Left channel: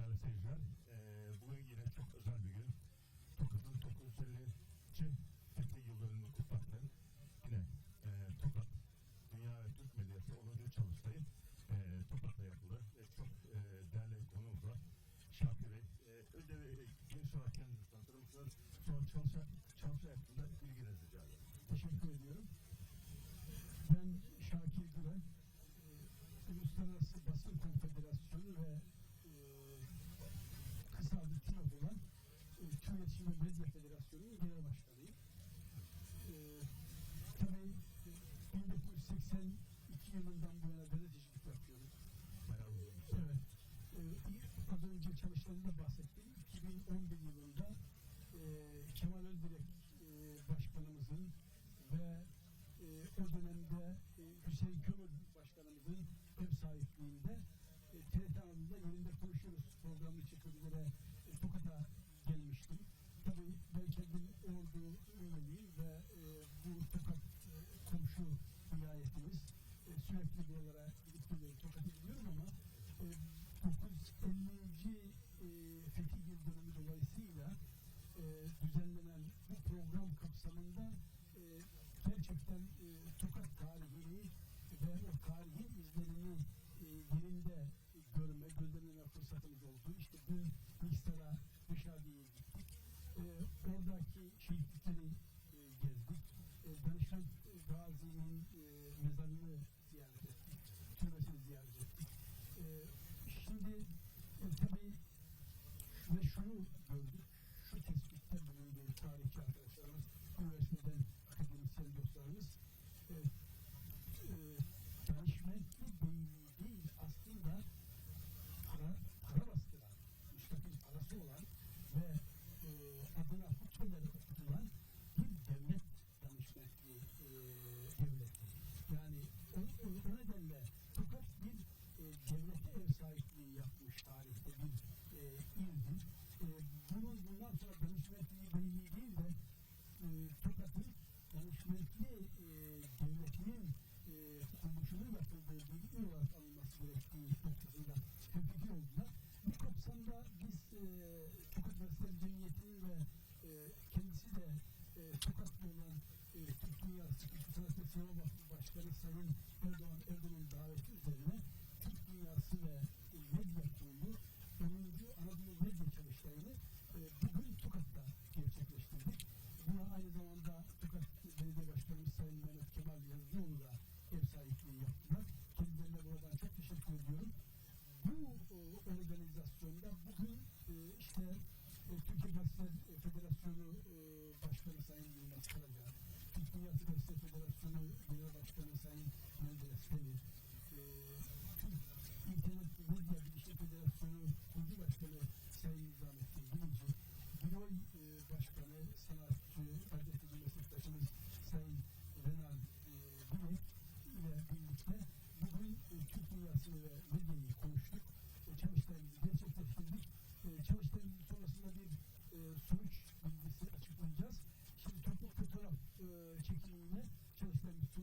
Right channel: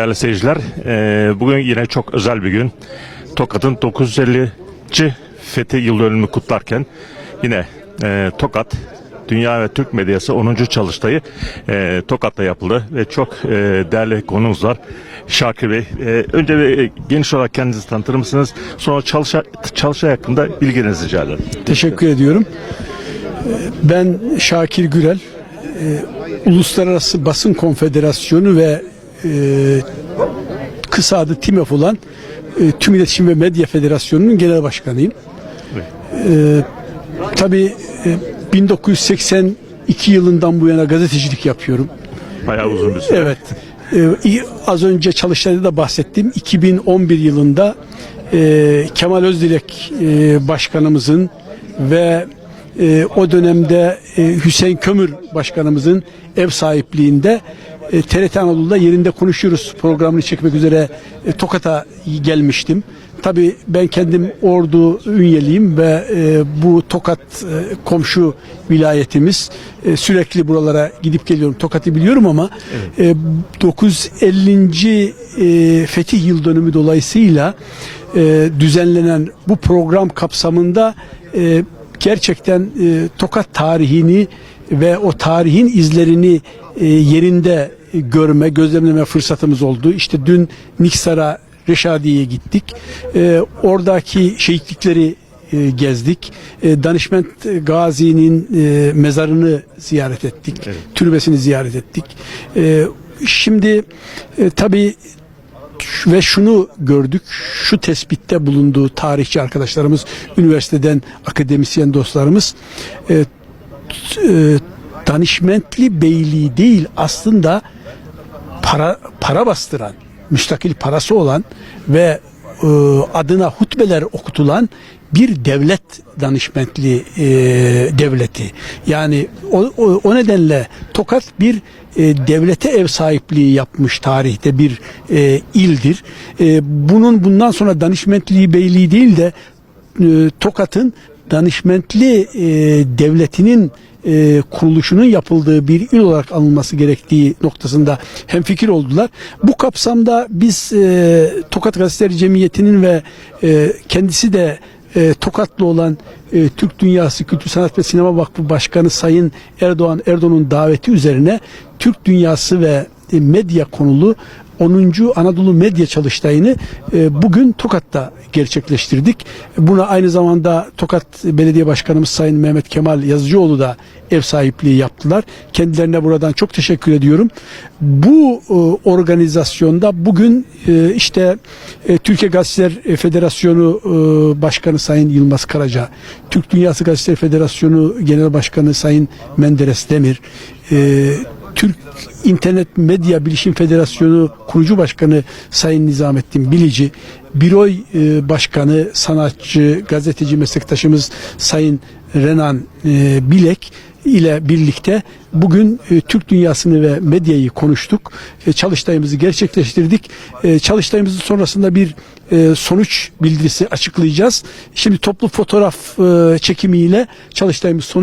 Değerli seyirciler, eee, bugün yine çok özel bir gün. Tokat'ın 950. Fethi yıl dönümünü kutlarken yine eee, Tokat Dünya ve Türk Medyası 10. çalıştayı eee, Tokat'ta yapıldı ve çok değerli konuğumuz var. Şakir Bey, önce bir e, geniş olarak kendinizi tanıtır mısınız? Sonra çalışa, çalışay hakkında bilginizi rica ederim. Teşekkür ediyorum. Ben Şakir Gürel, Uluslararası Basın Konfederasyonu ve e, kısa adı TİMEF olan e, Tüm İletişim ve Medya Federasyonu'nun genel başkanıyım. Ee, tabii e, 1982 yılından bu yana gazetecilik yapıyorum. Bayağı uzun bir süre. Evet. İyi- az önce çalıştayda da bahsettim. 2011 yılında e, Kemal Özdilek e, başkanımızın ve e, o dönemde e, Hüseyin Kömür başkanımızın ev sahipliğinde e, TRT Anadolu'da yerinde konuşuyoruz programını çekmek üzere e, Tokat'a gelmiştim. Tabii ben kendim Ordu Ünyeliyim ve e, bu Tokat e, komşu vilayetimiz. Sürekli buralara gidip geliyorum. Tokat'ı biliyorum ama e, 950. E, Fetih Yıl Dönümü dolayısıyla düzenlenen bu program kapsamında gerçekten Tokat tarihini ve o tarihin izlerini yerinde görme, gözlemleme fırsatımız oldu. İşte dün Niksar'a Reşadiye'ye gittik. E, oradaki şehitlikleri e, gezdik. E, Danışment Gazi'nin e, mezarını ziyaret ettik. Türbesini ziyaret ettik. E, şimdi e, tabii ve şunu gördük, şu tespitte bulunduğu tarihçi arkadaşlarımız, üniversiteden akademisyen dostlarımız, danışmentli beyliği değil aslında para para bastıran, müstakil parası olan ve e, adına hutbeler okutulan bir devlet danışmentli e, devleti. Yani o, o, o nedenle Tokat bir e, devlete ev sahipliği yapmış tarihte bir e, ildir. E, bunun bundan sonra danışmentliği beyliği değil de e, Tokat'ın danışmentli e, devletinin e, kuruluşunun yapıldığı bir il olarak alınması gerektiği noktasında hemfikir oldular. Bu kapsamda biz e, Tokat Gazeteleri Cemiyeti'nin ve e, kendisi de e, Tokatlı olan e, Türk Dünyası Kültür Sanat ve Sinema Vakfı Başkanı Sayın Erdoğan Erdoğan'ın daveti üzerine Türk Dünyası ve e, medya konulu 10. Anadolu Medya Çalıştayı'nı e, bugün Tokat'ta gerçekleştirdik. Buna aynı zamanda Tokat Belediye Başkanımız Sayın Mehmet Kemal Yazıcıoğlu da ev sahipliği yaptılar. Kendilerine buradan çok teşekkür ediyorum. Bu e, organizasyonda bugün e, işte Türkiye Gazeteler Federasyonu Başkanı Sayın Yılmaz Karaca, Türk Dünyası Gazeteleri Federasyonu Genel Başkanı Sayın Menderes Demir, Türk İnternet Medya Bilişim Federasyonu kurucu başkanı Sayın Nizamettin Bilici, Biroy e, Başkanı, sanatçı, gazeteci meslektaşımız Sayın Renan e, Bilek ile birlikte bugün e, Türk dünyasını ve medyayı konuştuk. E, çalıştayımızı gerçekleştirdik. Çalıştayımızın sonrasında bir sonuç bildirisi açıklayacağız. Şimdi toplu fotoğraf çekimiyle çalıştayımız sona